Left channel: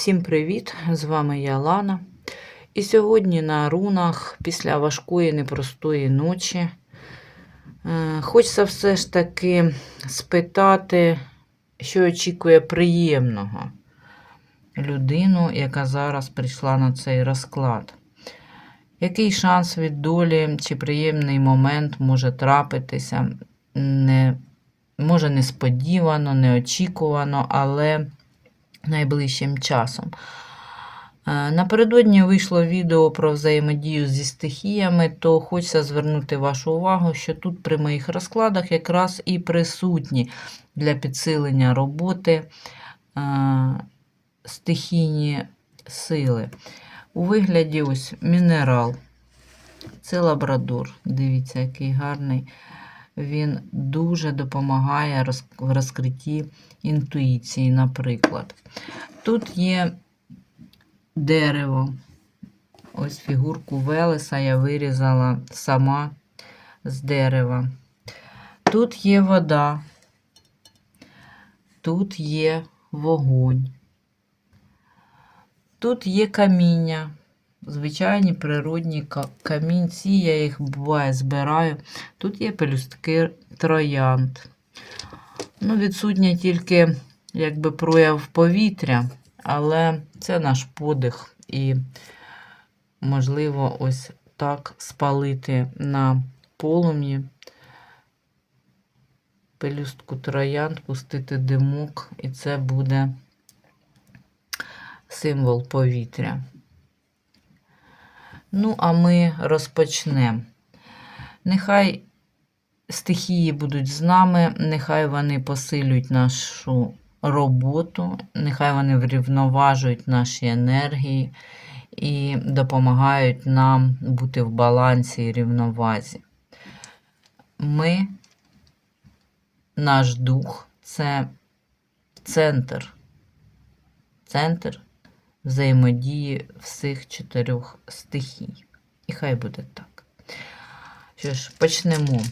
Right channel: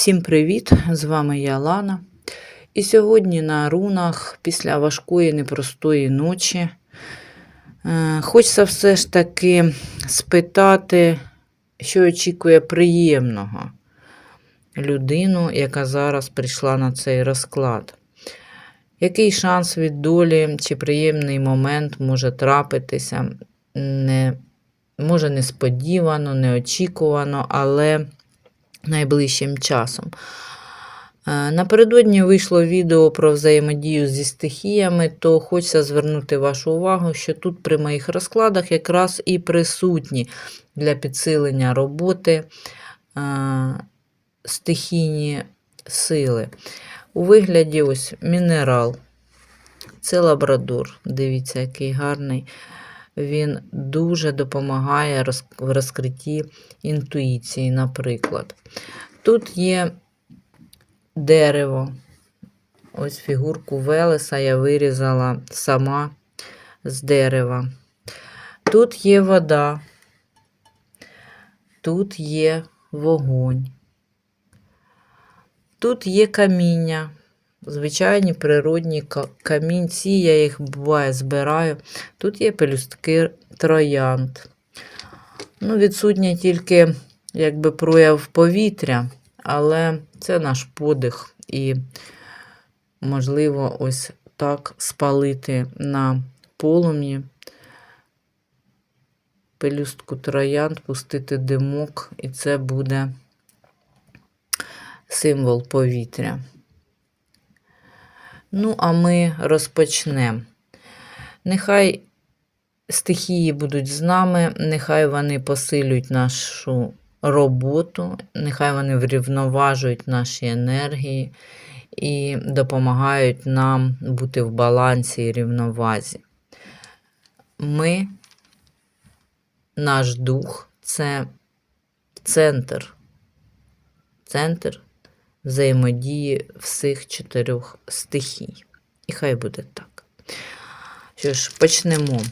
Всім привіт! З вами я Лана. І сьогодні на рунах після важкої непростої ночі е, хочеться все ж таки спитати, що очікує приємного людину, яка зараз прийшла на цей розклад. Який шанс від долі чи приємний момент може трапитися? Не, може несподівано, неочікувано, але найближчим часом. Е, Напередодні вийшло відео про взаємодію зі стихіями, то хочеться звернути вашу увагу, що тут при моїх розкладах якраз і присутні для підсилення роботи е, стихійні сили. У вигляді ось мінерал. Це лабрадор. Дивіться, який гарний. Він дуже допомагає в розкритті інтуїції, наприклад. Тут є дерево. Ось фігурку Велеса я вирізала сама з дерева. Тут є вода, тут є вогонь. Тут є каміння. Звичайні природні камінці, я їх буває збираю. Тут є пелюстки троянд. Ну, відсутнє тільки якби прояв повітря, але це наш подих. І, можливо, ось так спалити на полум'ї пелюстку троянд, пустити димок, і це буде символ повітря. Ну, а ми розпочнемо. Нехай стихії будуть з нами, нехай вони посилюють нашу роботу, нехай вони врівноважують наші енергії і допомагають нам бути в балансі і рівновазі. Ми, наш дух це центр, центр взаємодії всіх чотирьох стихій. І хай буде так. Що ж, почнемо.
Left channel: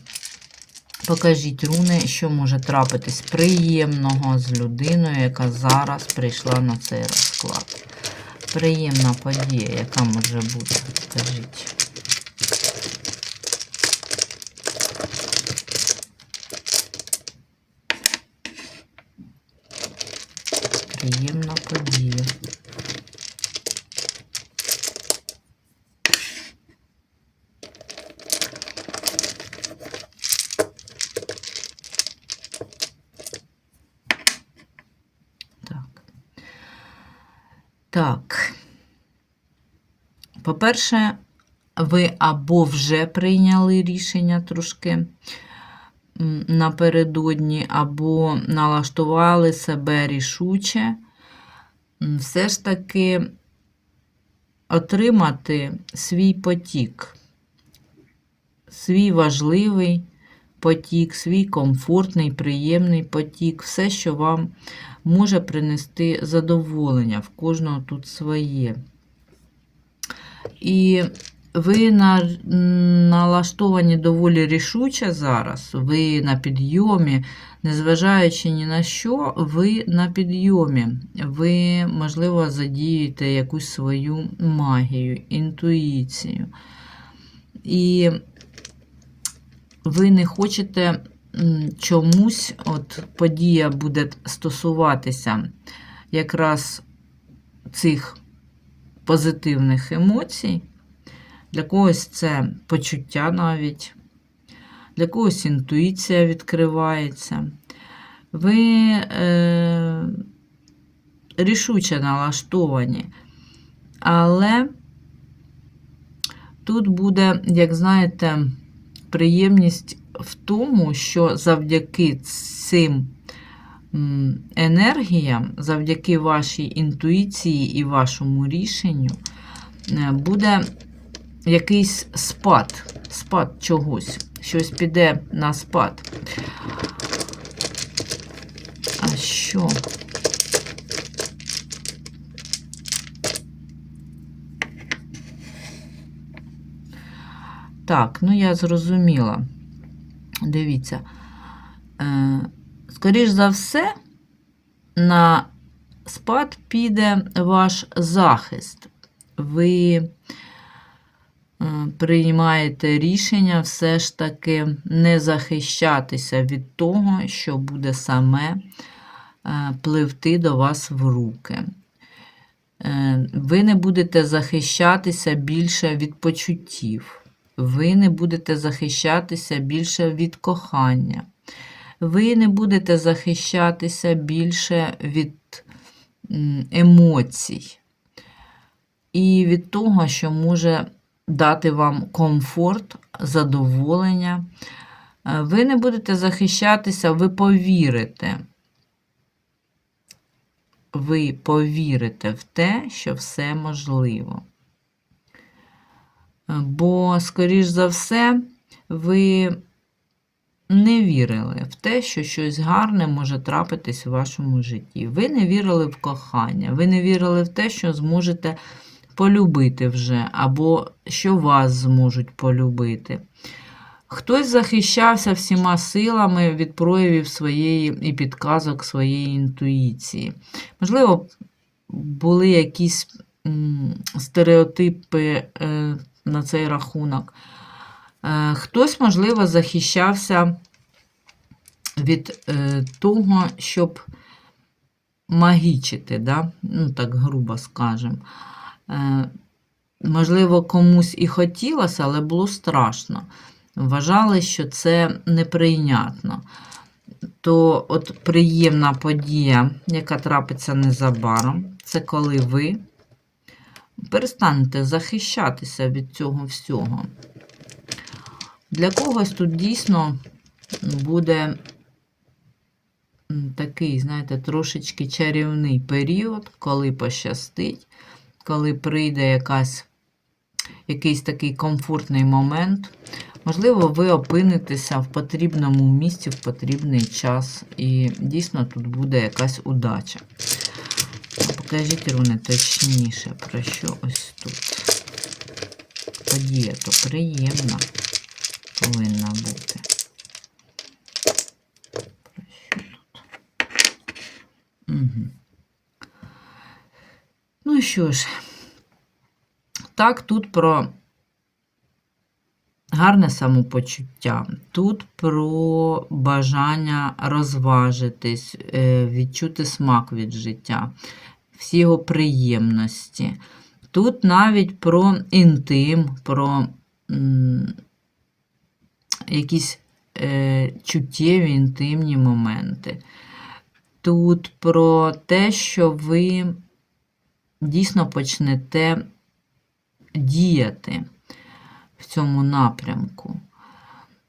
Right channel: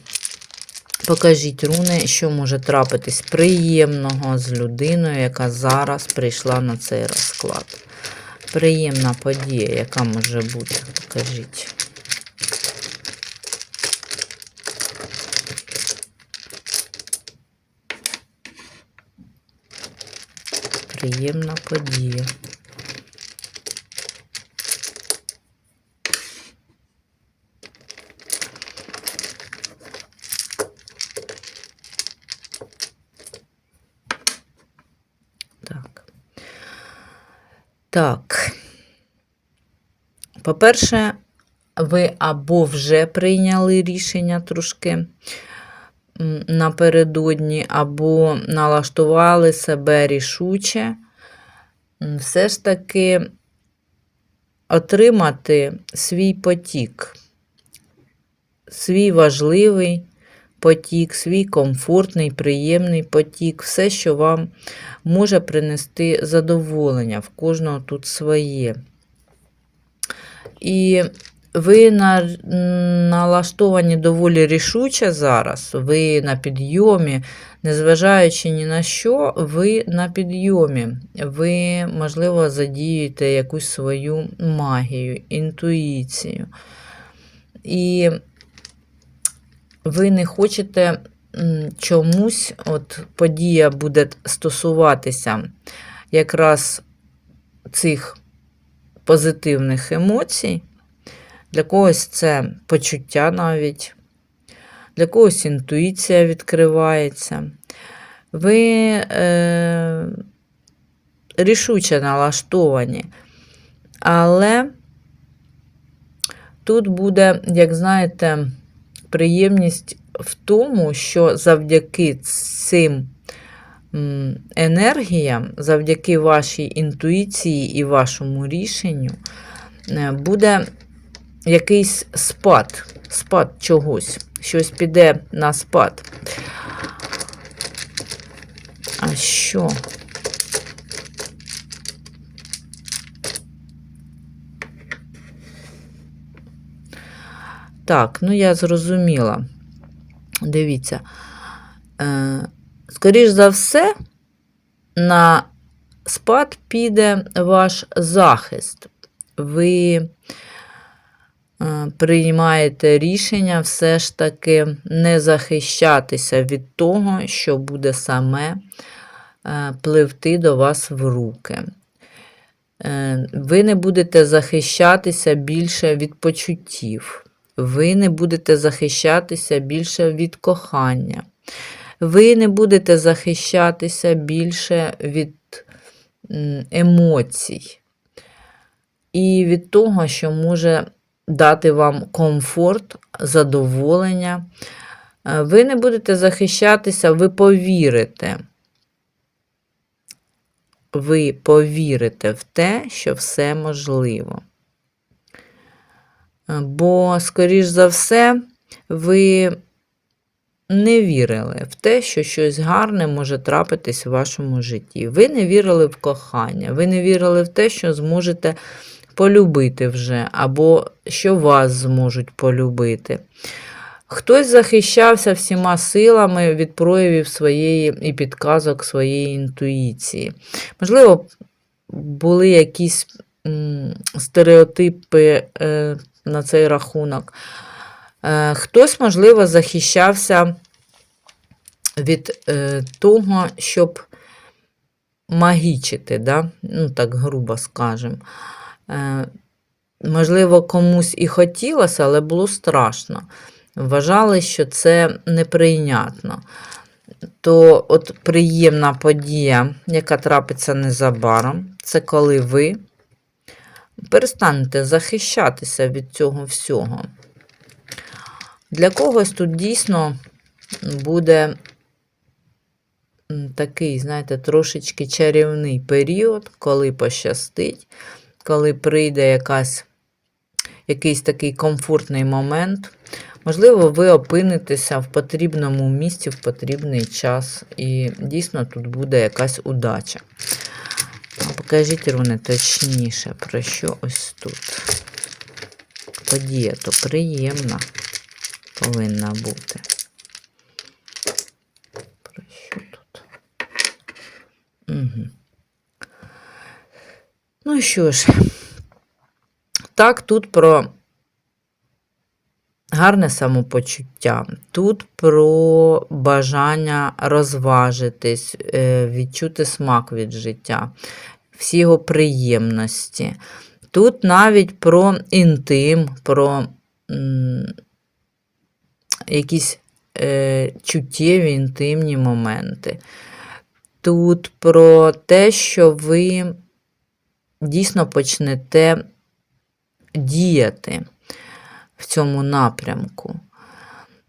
Покажіть руни, що може трапитись приємного з людиною, яка зараз прийшла на цей розклад. Приємна подія, яка може бути. Покажіть. Приємна подія. Так. Так. По-перше, ви або вже прийняли рішення трошки напередодні, або налаштували себе рішуче, все ж таки отримати свій потік, свій важливий потік, свій комфортний, приємний потік, все, що вам може принести задоволення, в кожного тут своє. І ви на, налаштовані доволі рішуче зараз, ви на підйомі, незважаючи ні на що, ви на підйомі. Ви, можливо, задіюєте якусь свою магію, інтуїцію. І ви не хочете чомусь, от подія буде стосуватися якраз цих позитивних емоцій. Для когось це почуття навіть, для когось інтуїція відкривається. Ви е, рішуче налаштовані, але тут буде, як знаєте, приємність в тому, що завдяки цим м, енергіям, завдяки вашій інтуїції і вашому рішенню, е, буде якийсь спад, спад чогось, щось піде на спад. А що? Так, ну я зрозуміла. Дивіться. Е, скоріш за все, на спад піде ваш захист. Ви е, приймаєте рішення все ж таки не захищатися від того, що буде саме е, пливти до вас в руки. Е, Ви не будете захищатися більше від почуттів. Ви не будете захищатися більше від кохання. Ви не будете захищатися більше від емоцій і від того, що може дати вам комфорт, задоволення. Е, Ви не будете захищатися, ви повірите. Ви повірите в те, що все можливо. Е, Бо, скоріш за все, ви не вірили в те, що щось гарне може трапитись в вашому житті. Ви не вірили в кохання, ви не вірили в те, що зможете полюбити вже, або що вас зможуть полюбити. Хтось захищався всіма силами від проявів своєї і підказок своєї інтуїції. Можливо, були якісь стереотипи е, на цей рахунок. Е, Хтось, можливо, захищався від е, того, щоб магічити, да? ну так грубо скажемо. Е, Можливо, комусь і хотілося, але було страшно. Вважали, що це неприйнятно. То от приємна подія, яка трапиться незабаром, це коли ви перестанете захищатися від цього всього. Для когось тут дійсно буде такий, знаєте, трошечки чарівний період, коли пощастить, коли прийде якась, якийсь такий комфортний момент. Можливо, ви опинитеся в потрібному місці в потрібний час, і дійсно тут буде якась удача. Покажіть, руни, точніше, про що ось тут. Подія то приємна повинна бути. Про що тут? Угу. Ну що ж, так, тут про гарне самопочуття. Тут про бажання розважитись, е, відчути смак від життя, всі його приємності. Тут навіть про інтим, про якісь е, чуттєві інтимні моменти. Тут про те, що ви дійсно почнете діяти в цьому напрямку.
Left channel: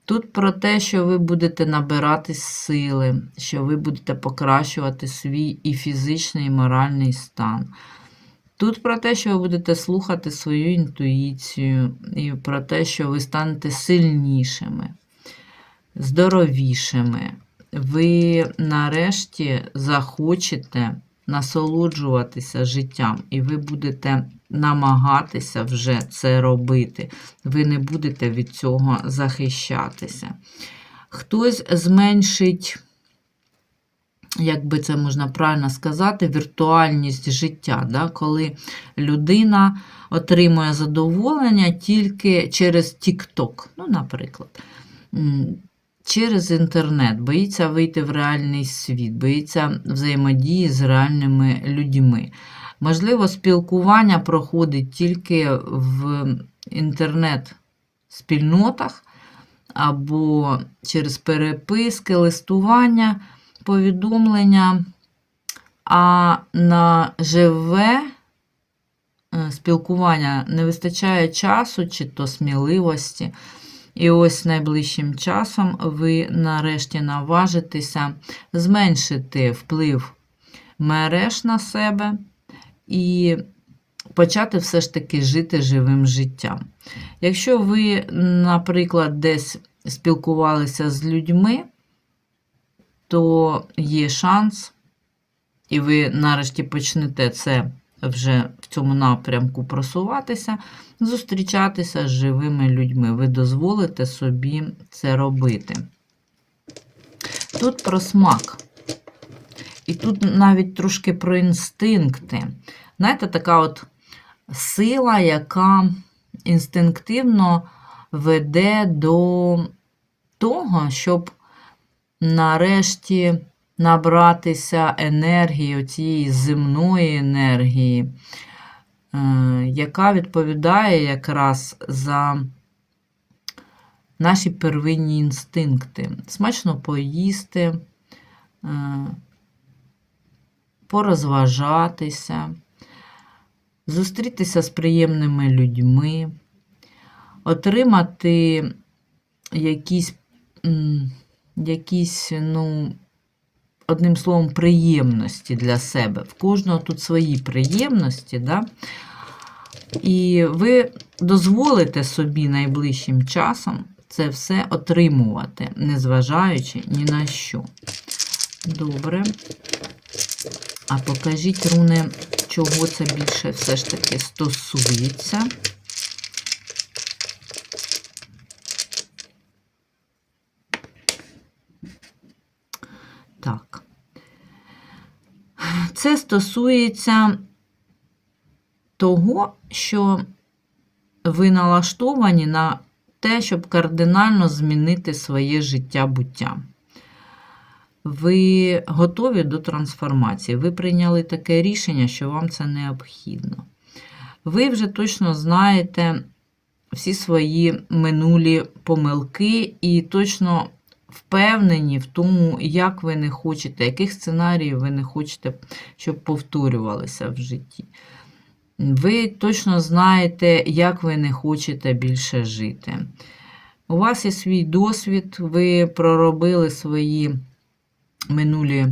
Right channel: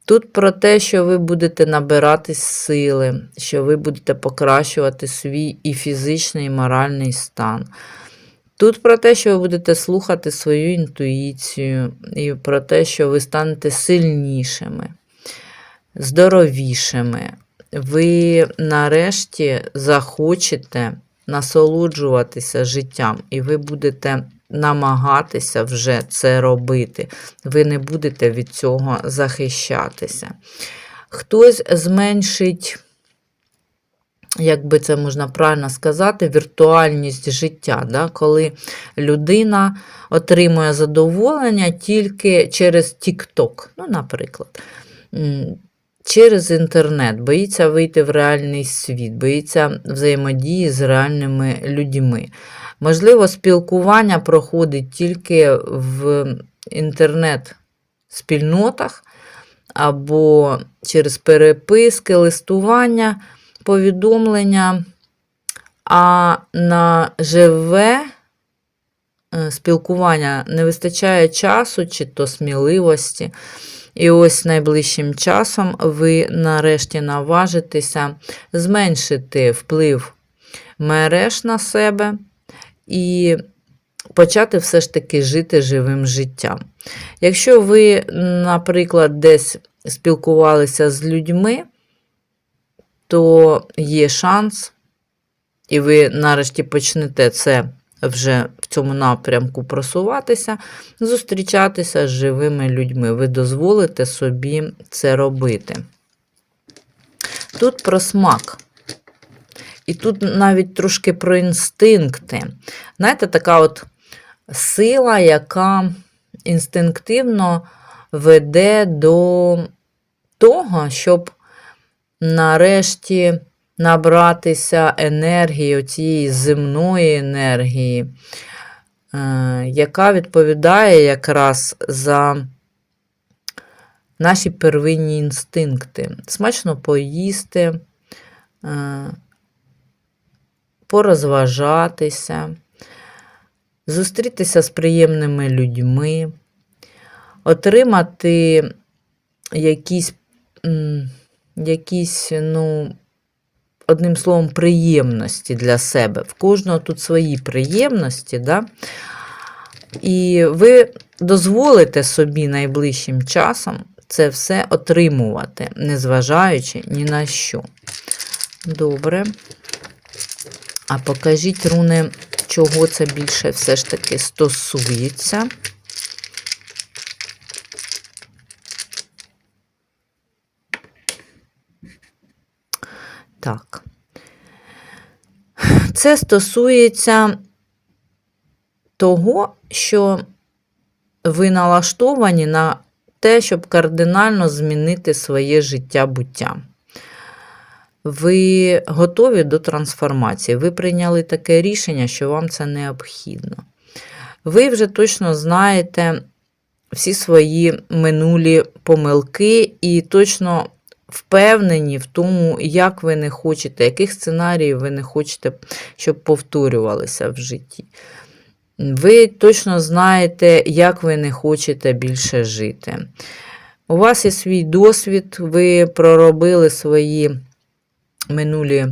Тут про те, що ви будете набиратись сили, що ви будете покращувати свій і фізичний, і моральний стан. Тут про те, що ви будете слухати свою інтуїцію, і про те, що ви станете сильнішими, здоровішими. Ви нарешті захочете насолоджуватися життям, і ви будете намагатися вже це робити. Ви не будете від цього захищатися. Хтось зменшить, як би це можна правильно сказати, віртуальність життя, да? коли людина отримує задоволення тільки через TikTok, ну, наприклад. Через інтернет, боїться вийти в реальний світ, боїться взаємодії з реальними людьми. Можливо, спілкування проходить тільки в інтернет-спільнотах або через переписки, листування, повідомлення, а на живе е, спілкування не вистачає часу чи то сміливості. І ось найближчим часом ви нарешті наважитеся зменшити вплив мереж на себе і почати все ж таки жити живим життям. Якщо ви, наприклад, десь спілкувалися з людьми, то є шанс, і ви нарешті почнете це вже в цьому напрямку просуватися, зустрічатися з живими людьми. Ви дозволите собі це робити. Тут про смак. І тут навіть трошки про інстинкти. Знаєте, така от сила, яка інстинктивно веде до того, щоб нарешті набратися енергії, цієї земної енергії, е, яка відповідає якраз за наші первинні інстинкти. Смачно поїсти, е, порозважатися, зустрітися з приємними людьми, отримати якісь, якісь, ну, одним словом, приємності для себе. В кожного тут свої приємності, да? і ви дозволите собі найближчим часом це все отримувати, незважаючи ні на що. Добре. А покажіть, руни, чого це більше все ж таки стосується. Так. Це стосується того, що ви налаштовані на те, щоб кардинально змінити своє життя буття. Ви готові до трансформації. Ви прийняли таке рішення, що вам це необхідно. Ви вже точно знаєте всі свої минулі помилки і точно впевнені в тому, як ви не хочете, яких сценаріїв ви не хочете, щоб повторювалися в житті. Ви точно знаєте, як ви не хочете більше жити. У вас є свій досвід, ви проробили свої минулі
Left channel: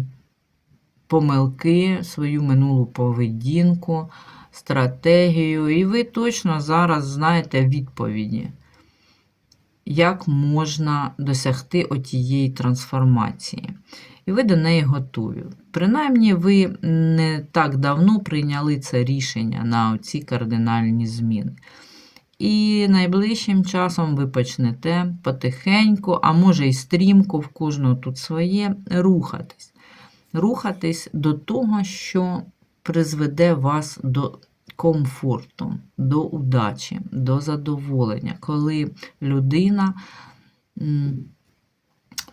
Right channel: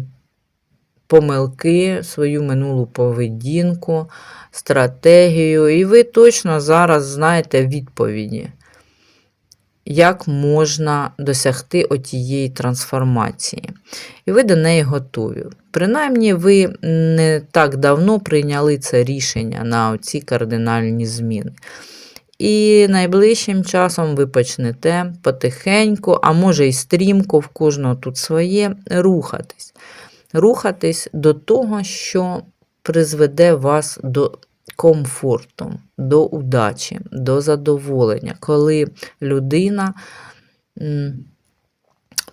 помилки, свою минулу поведінку, стратегію, і ви точно зараз знаєте відповіді, як можна досягти отієї трансформації. І ви до неї готові. Принаймні, ви не так давно прийняли це рішення на ці кардинальні зміни. І найближчим часом ви почнете потихеньку, а може й стрімко, в кожного тут своє, рухатись. Рухатись до того, що призведе вас до комфорту, до удачі, до задоволення, коли людина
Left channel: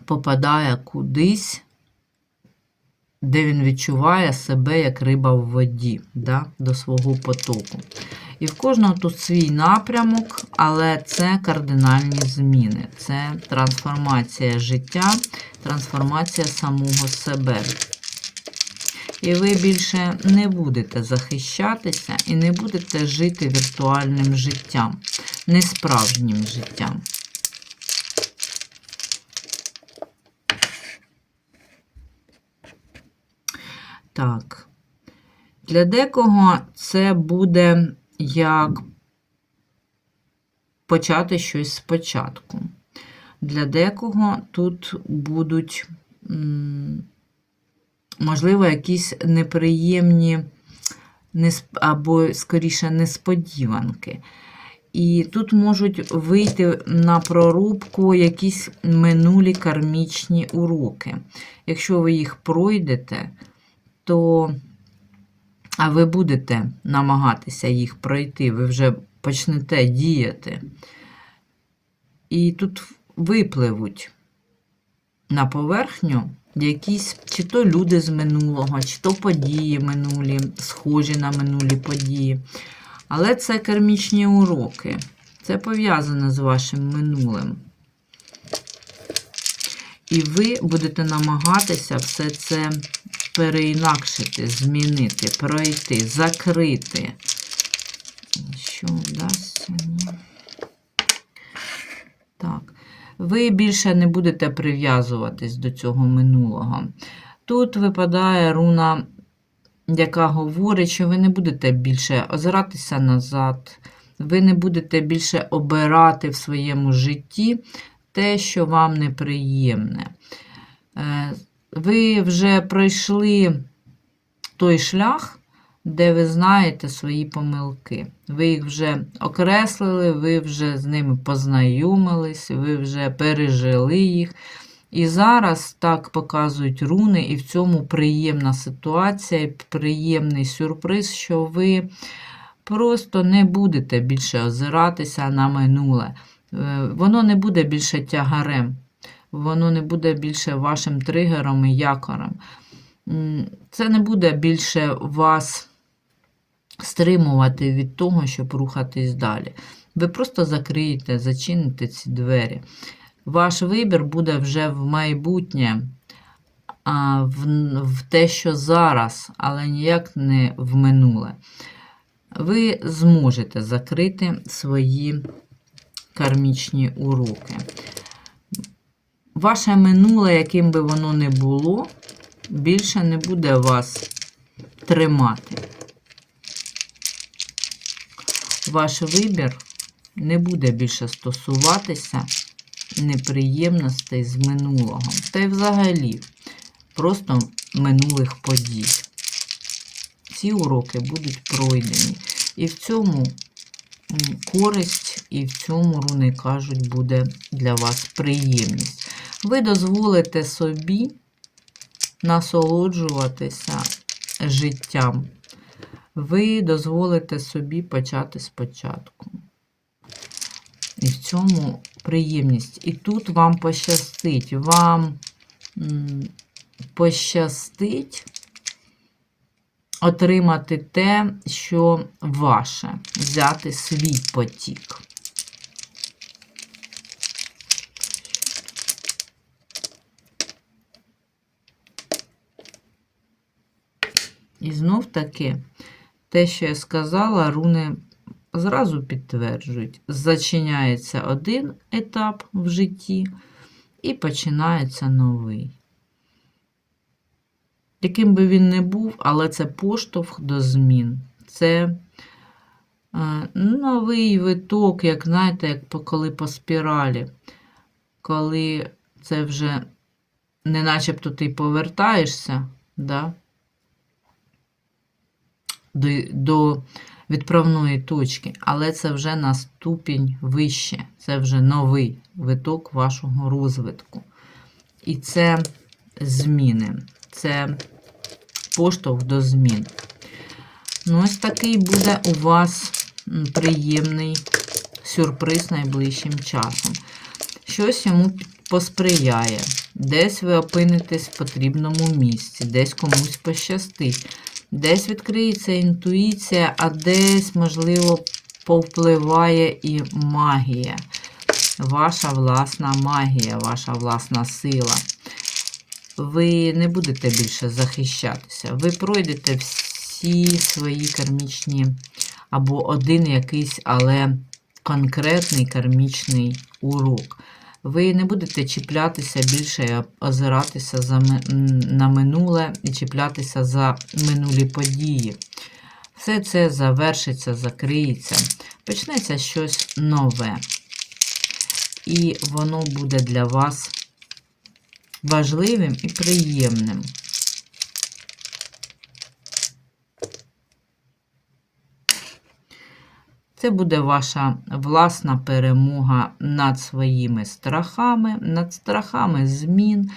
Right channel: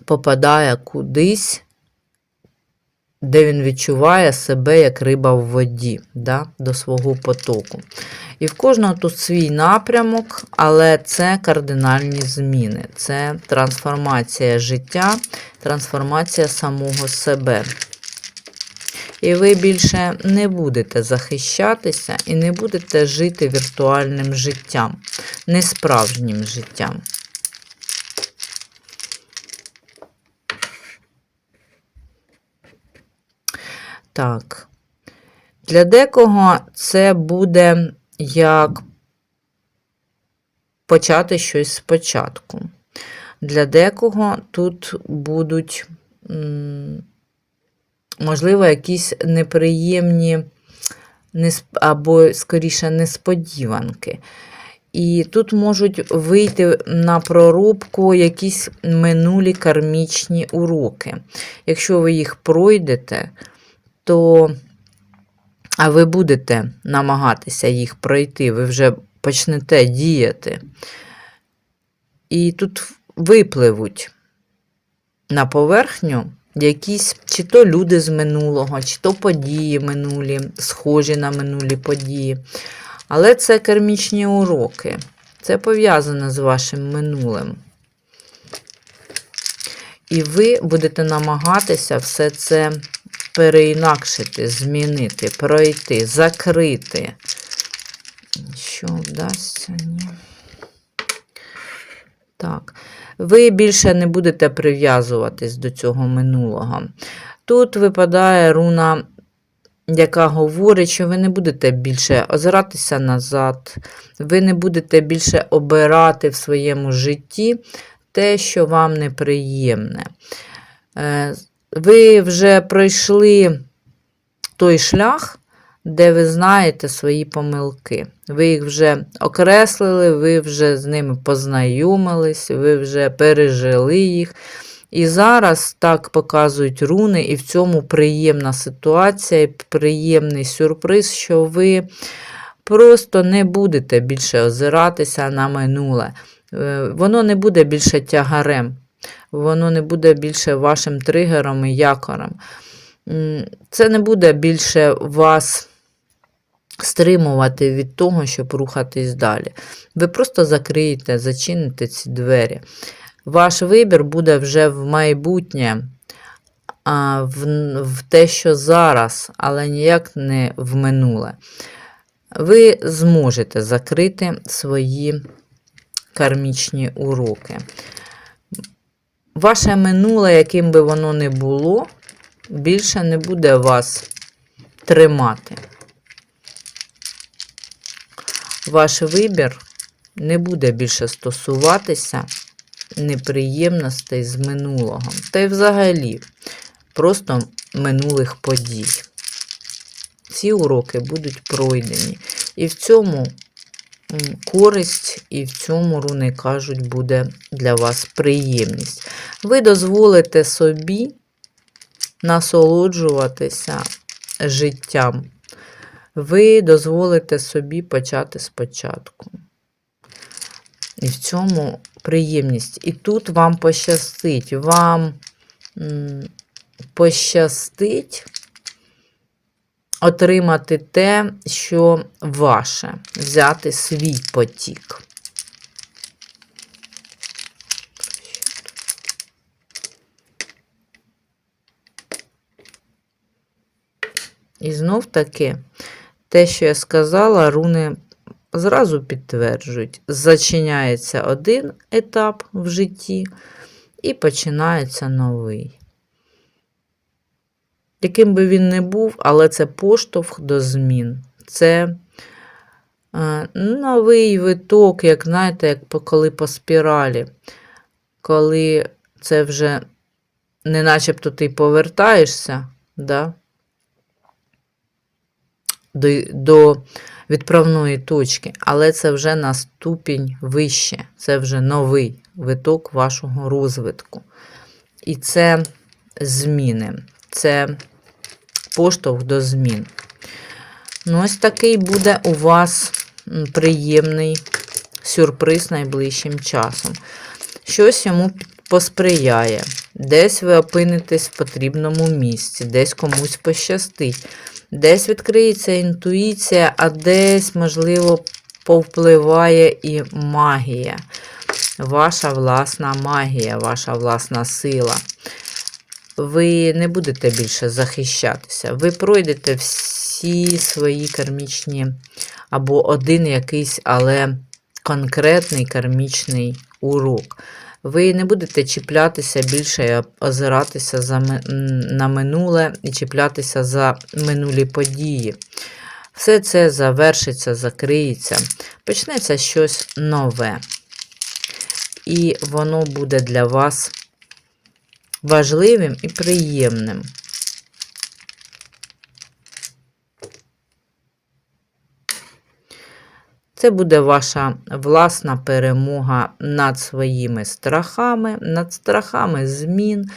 попадає кудись, де він відчуває себе як риба в воді, да, до свого потоку. І в кожного тут свій напрямок, але це кардинальні зміни, це трансформація життя, трансформація самого себе. І ви більше не будете захищатися і не будете жити віртуальним життям, несправжнім життям. Так. Для декого це буде як почати щось спочатку. Для декого тут будуть, можливо, якісь неприємні або, скоріше, несподіванки. І тут можуть вийти на прорубку якісь минулі кармічні уроки. Якщо ви їх пройдете, то ви будете намагатися їх пройти, ви вже почнете діяти. І тут випливуть на поверхню якісь чи то люди з минулого, чи то події минулі, схожі на минулі події. Але це кармічні уроки. Це пов'язане з вашим минулим. І ви будете намагатися все це переінакшити, змінити, пройти, закрити. Що вдасться? Ні. Ви більше не будете прив'язуватись до цього минулого. Тут випадає руна, яка говорить, що ви не будете більше озиратися назад, ви не будете більше обирати в своєму житті те, що вам неприємне. Е, ви вже пройшли той шлях, де ви знаєте свої помилки. Ви їх вже окреслили, ви вже з ними познайомились, ви вже пережили їх. І зараз так показують руни, і в цьому приємна ситуація, і приємний сюрприз, що ви просто не будете більше озиратися на минуле. Е, Воно не буде більше тягарем, воно не буде більше вашим тригером і якорем. Це не буде більше вас стримувати від того, щоб рухатись далі. Ви просто закриєте, зачините ці двері. Ваш вибір буде вже в майбутнє, в, в те, що зараз, але ніяк не в минуле. Ви зможете закрити свої кармічні уроки. Ваше минуле, яким би воно не було, більше не буде вас тримати. Ваш вибір не буде більше стосуватися неприємностей з минулого. Та й взагалі просто минулих подій. Ці уроки будуть пройдені. І в цьому користь, і в цьому, руни кажуть, буде для вас приємність. Ви дозволите собі насолоджуватися життям. Ви дозволите собі почати спочатку. І в цьому приємність. І тут вам пощастить, вам пощастить отримати те, що ваше, взяти свій потік. І знов таки, те, що я сказала, руни зразу підтверджують, зачиняється один етап в житті і починається новий. Яким би він не був, але це поштовх до змін. Це е, новий виток, як знаєте, як коли по спіралі, коли це вже не начебто ти повертаєшся да, до, відправної точки, але це вже на ступінь вище, це вже новий виток вашого розвитку. І це зміни, це поштовх до змін. Ну, ось такий буде у вас приємний сюрприз найближчим часом. Щось йому посприяє. Десь ви опинитесь в потрібному місці, десь комусь пощастить. Десь відкриється інтуїція, а десь, можливо, повпливає і магія. Ваша власна магія, ваша власна сила. Ви не будете більше захищатися. Ви пройдете всі свої кармічні, або один якийсь, але конкретний кармічний урок. Ви не будете чіплятися більше озиратися за, на минуле і чіплятися за минулі події. Все це завершиться, закриється, почнеться щось нове. І воно буде для вас важливим і приємним. Це буде ваша власна перемога над своїми страхами, над страхами змін,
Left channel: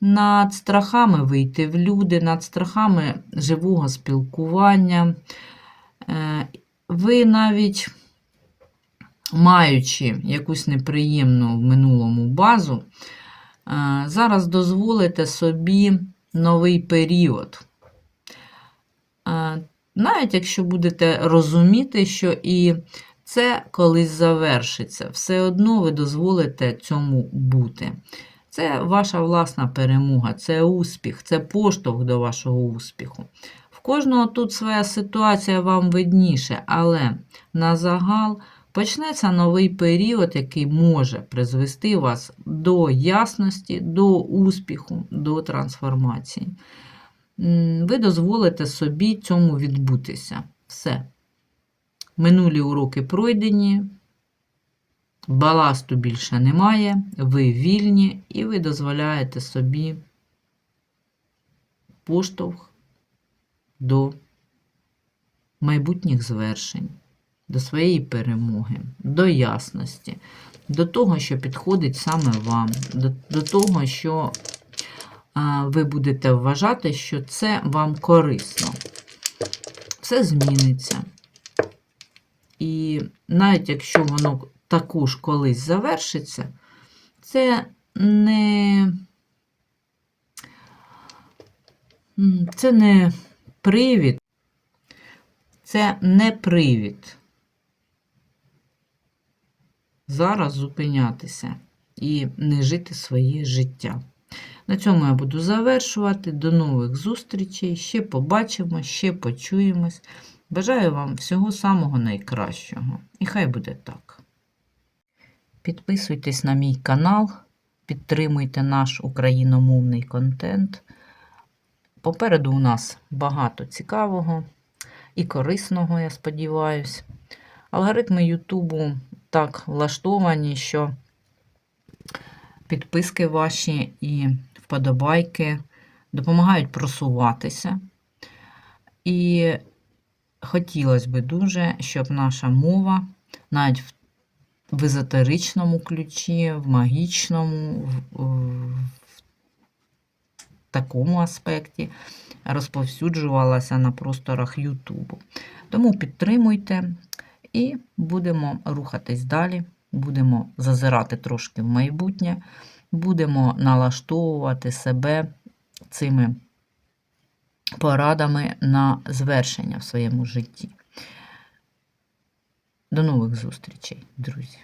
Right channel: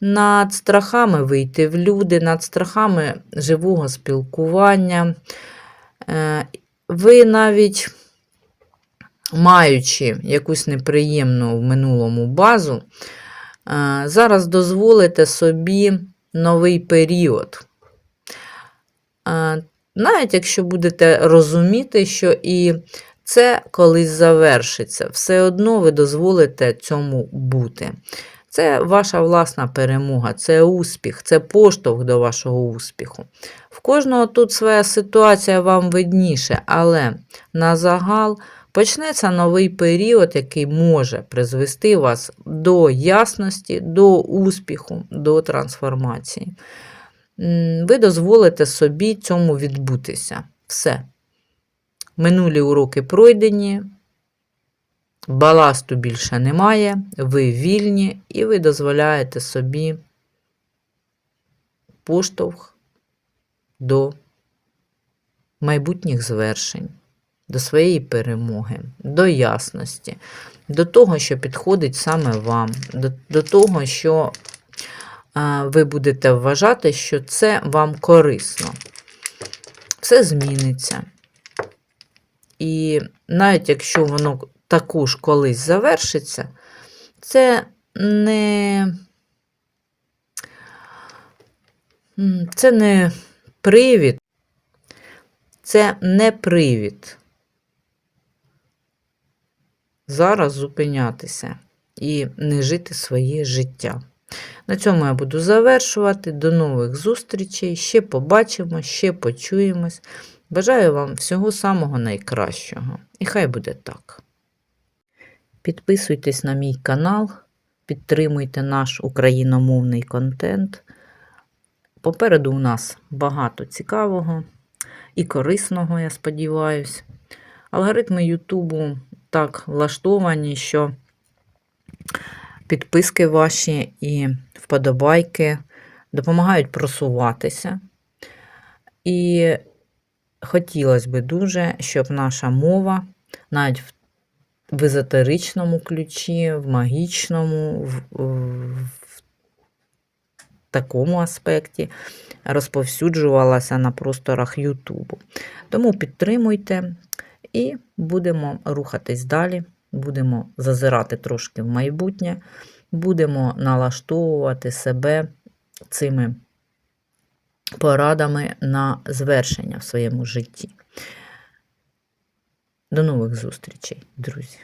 над страхами вийти в люди, над страхами живого спілкування. Е, Ви навіть маючи якусь неприємну в минулому базу, е, зараз дозволите собі новий період. Навіть якщо будете розуміти, що і це колись завершиться, все одно ви дозволите цьому бути. Це ваша власна перемога, це успіх, це поштовх до вашого успіху. В кожного тут своя ситуація вам видніше, але на загал почнеться новий період, який може призвести вас до ясності, до успіху, до трансформації. Ви дозволите собі цьому відбутися. Все. Минулі уроки пройдені, баласту більше немає, ви вільні і ви дозволяєте собі поштовх до майбутніх звершень, до своєї перемоги, до ясності, до того, що підходить саме вам, до, до того, що ви будете вважати, що це вам корисно. Все зміниться. І навіть якщо воно також колись завершиться, це не, це не привід, це не привід зараз зупинятися і не жити своє життя. На цьому я буду завершувати. До нових зустрічей. Ще побачимо, ще почуємось. Бажаю вам всього самого найкращого. І хай буде так. Підписуйтесь на мій канал, підтримуйте наш україномовний контент. Попереду у нас багато цікавого і корисного, я сподіваюся. Алгоритми Ютубу так влаштовані, що підписки ваші і вподобайки допомагають просуватися. І хотілося б дуже, щоб наша мова, навіть в езотеричному ключі, в магічному, в, в такому аспекті розповсюджувалася на просторах Ютубу. Тому підтримуйте і будемо рухатись далі, будемо зазирати трошки в майбутнє, будемо налаштовувати себе цими порадами на звершення в своєму житті. До нових зустрічей, друзі!